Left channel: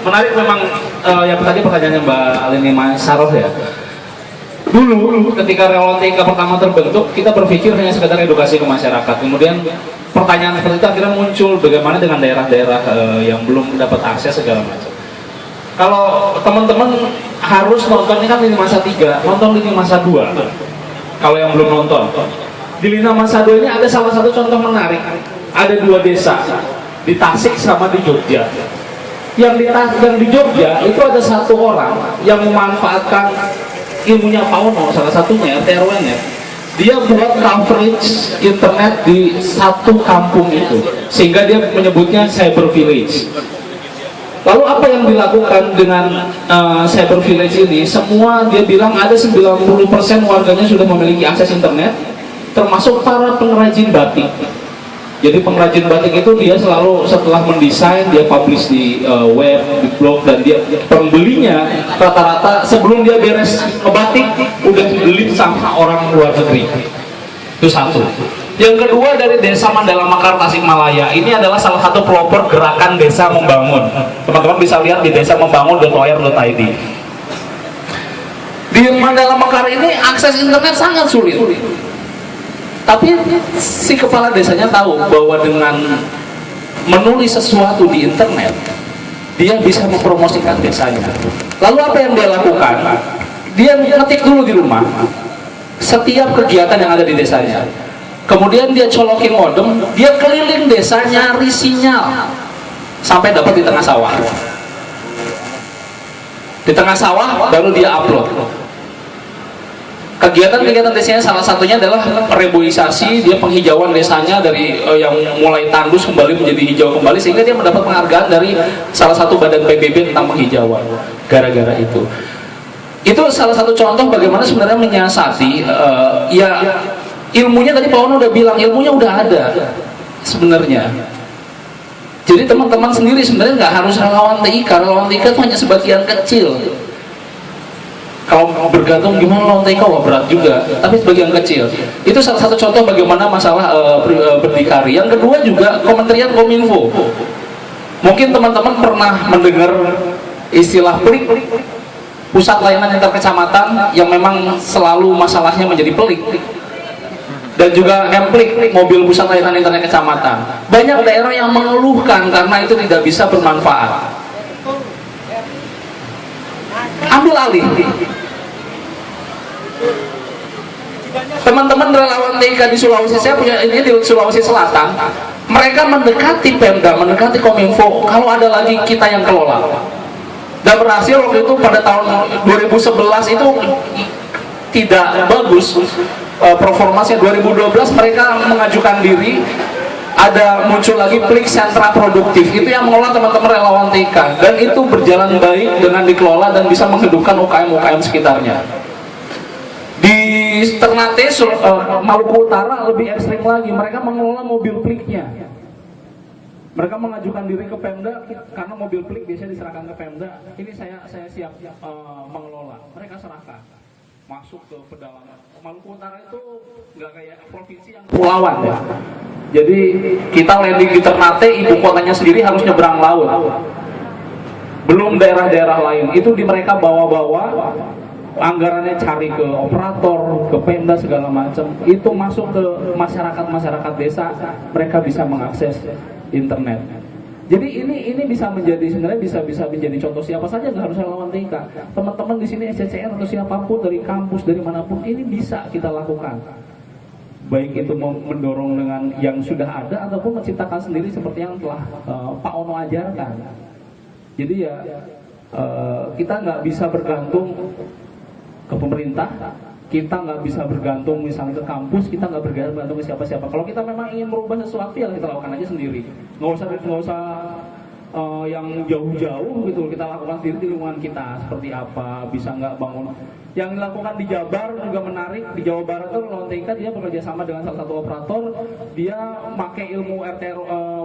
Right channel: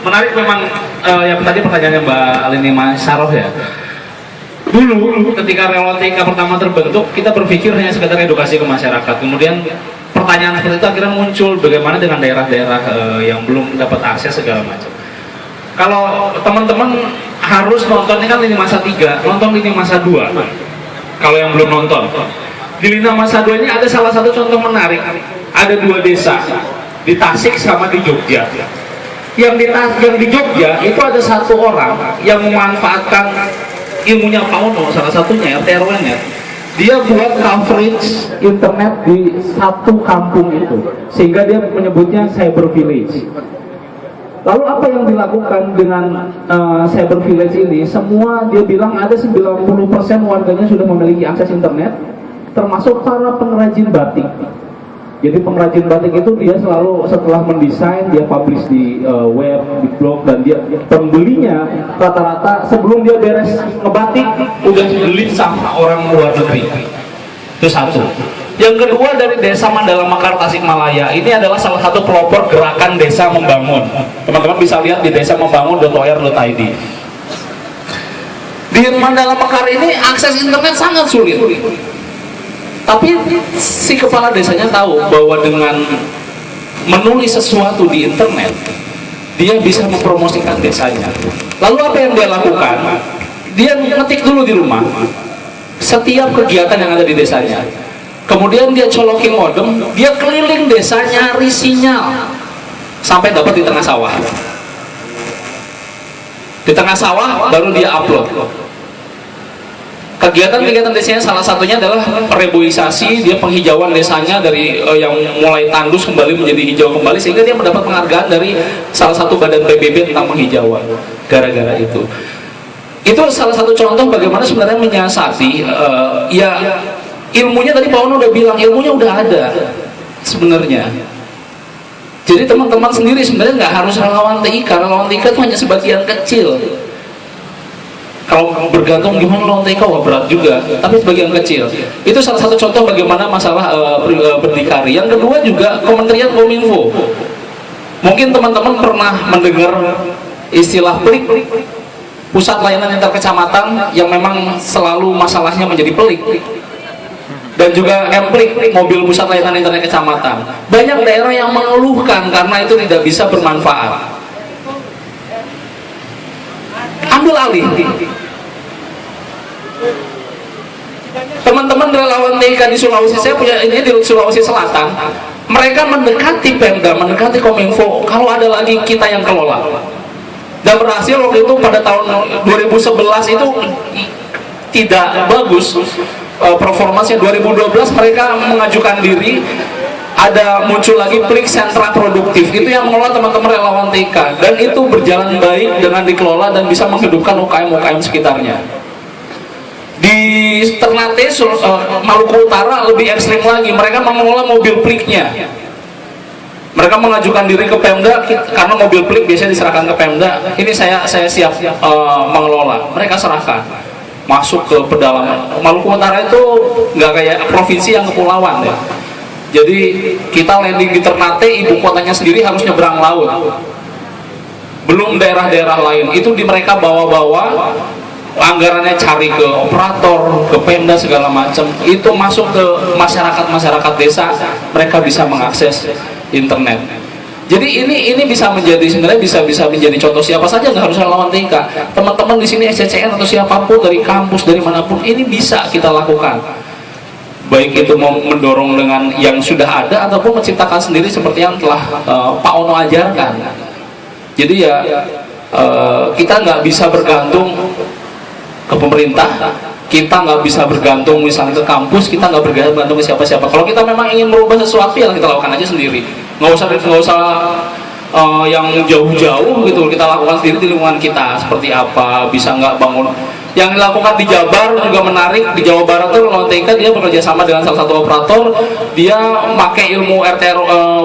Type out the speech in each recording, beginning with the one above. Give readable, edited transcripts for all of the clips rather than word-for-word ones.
Menarik memang yang tadi pertanyaannya Mbak Alini Mas Saroh ya. Dulu ketika relawan TK pertama terbentuk, kita berpikir hanya sekedar edukasi ke masyarakat. Kemudian pertanyaan seperti itu akhirnya muncul, bagaimana dengan daerah-daerah yang belum dapat akses segala macam. Kalau teman-teman harus nonton, ini kan lini masa 3, nonton lini masa 2. Kalau yang belum nonton, di lini masa 2 ini ada salah satu contoh menarik. Ada 2 desa, di Tasik sama di Jogja. Yang di Jogja itu ada 1 orang yang memanfaatkan ilmunya Pak Ono, salah satunya RT RW-nya. Dia buat coverage internet di 1 kampung itu, sehingga dia menyebutnya cyber village. Lalu apa yang dilakukan dengan cyber village ini? Semua dia bilang ada 90% warganya sudah memiliki akses internet, termasuk para pengrajin batik. Jadi pengrajin batik itu dia selalu setelah mendesain, dia publish di web, di blog, dan dia pembelinya rata-rata sebelum dia beres ngebatik udah dibeli sama orang luar negeri. Itu 1. Yang kedua dari Desa Mandala Mekar Tasikmalaya, ini adalah salah satu pelopor gerakan Desa Membangun. Teman-teman bisa lihat di desamembangun.or.id. Di Mandala Mekar ini akses internet sangat sulit. Tapi si kepala desanya tahu bahwa dengan menulis sesuatu di internet, dia bisa mempromosikan desanya. Lalu apa yang dia lakukan? Dia ngetik dulu di rumah setiap kegiatan yang ada di desanya. Kemudian dia colokin modem, dia keliling desa nyari sinyal sampai dapat di tengah sawah. Di tengah sawah baru dia upload. Kegiatan-kegiatan desanya salah satunya adalah reboisasi, dia penghijauan desanya dari yang mulai tandus kembali menjadi hijau kembali, sehingga dia mendapat penghargaan dari salah satu badan PBB tentang penghijauan gara-gara itu. Itu salah satu contoh bagaimana sebenarnya menyiasati ya ilmunya. Tadi Pak Ono udah bilang ilmunya udah ada sebenarnya. Jadi teman-teman sendiri sebenarnya nggak harus relawan TIK. Relawan TIK itu hanya sebagian kecil. Kalau bergantung gimana relawan TIK, wah berat juga. Tapi sebagian kecil. Itu salah satu contoh bagaimana masalah berdikari. Yang kedua juga Kementerian Kominfo. Mungkin teman-teman pernah mendengar istilah PLIK, Pusat Layanan Antar Kecamatan, yang memang selalu masalahnya menjadi pelik. Dan juga MPLIK, Mobil Pusat Layanan Internet Kecamatan. Banyak daerah yang mengeluhkan karena itu tidak bisa bermanfaat. Ambil alih. Teman-teman relawan TIK di Sulawesi, saya punya ini di Sulawesi Selatan, mereka mendekati Pemda, mendekati Kominfo, kalau ada lagi kita yang kelola. Dan berhasil waktu itu pada tahun 2011 itu tidak bagus performanya. 2012 mereka mengajukan diri, ada muncul lagi PLIK Sentra Produktif, itu yang mengelola teman-teman relawan TIK, dan itu berjalan baik dengan dikelola dan bisa menghidupkan UKM-UKM sekitarnya. Di Ternate, Maluku Utara lebih ekstrim lagi, mereka mengelola mobil PLIK-nya. Mereka mengajukan diri ke Pemda karena mobil PLIK biasanya diserahkan ke Pemda. Ini saya siap mengelola. Mereka serahkan, masuk ke pedalaman. Maluku Utara itu nggak kayak provinsi yang kepulauan ya. Jadi kita landing di Ternate, ibu kotanya sendiri harus nyebrang laut. Belum daerah-daerah lain. Itu di mereka bawa-bawa, anggarannya cari ke operator, ke Pemda segala macam. Itu masuk ke masyarakat desa, mereka bisa mengakses internet. Jadi ini bisa menjadi sebenarnya bisa menjadi contoh siapa saja, nggak harus relawan TIK. Teman-teman di sini SCCN atau siapapun dari kampus dari manapun, ini bisa kita lakukan. Baik itu mau mendorong dengan yang sudah ada ataupun menciptakan sendiri seperti yang telah Pak Ono ajarkan. Jadi ya kita nggak bisa bergantung ke pemerintah, kita nggak bisa bergantung misalnya ke kampus, kita nggak bergantung ke siapa-siapa. Kalau kita memang ingin merubah sesuatu, ya kita lakukan aja sendiri. Nggak usah yang jauh-jauh gitu, kita lakukan sendiri di lingkungan kita. Seperti apa, bisa nggak bangun. Yang dilakukan di Jabar juga menarik. Di Jawa Barat tuh relawan TIK dia bekerja sama dengan salah satu operator. Dia pakai ilmu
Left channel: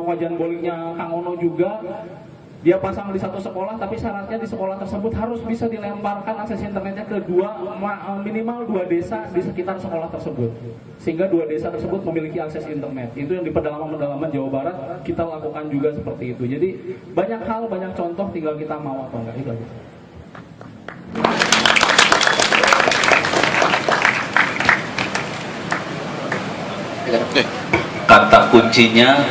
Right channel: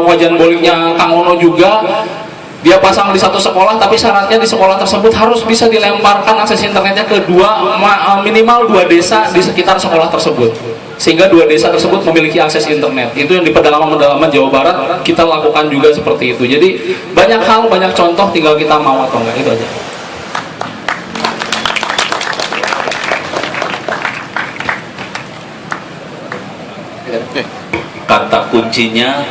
wajan boliknya Kang Ono juga. Dia pasang di satu sekolah, tapi syaratnya di sekolah tersebut harus bisa dilemparkan akses internetnya ke minimal 2 desa di sekitar sekolah tersebut. sehingga dua desa tersebut memiliki akses internet. Itu yang di pedalaman-pedalaman Jawa Barat kita lakukan juga seperti itu. Jadi banyak hal, banyak contoh, tinggal kita mau atau enggak, itu aja. Kata kuncinya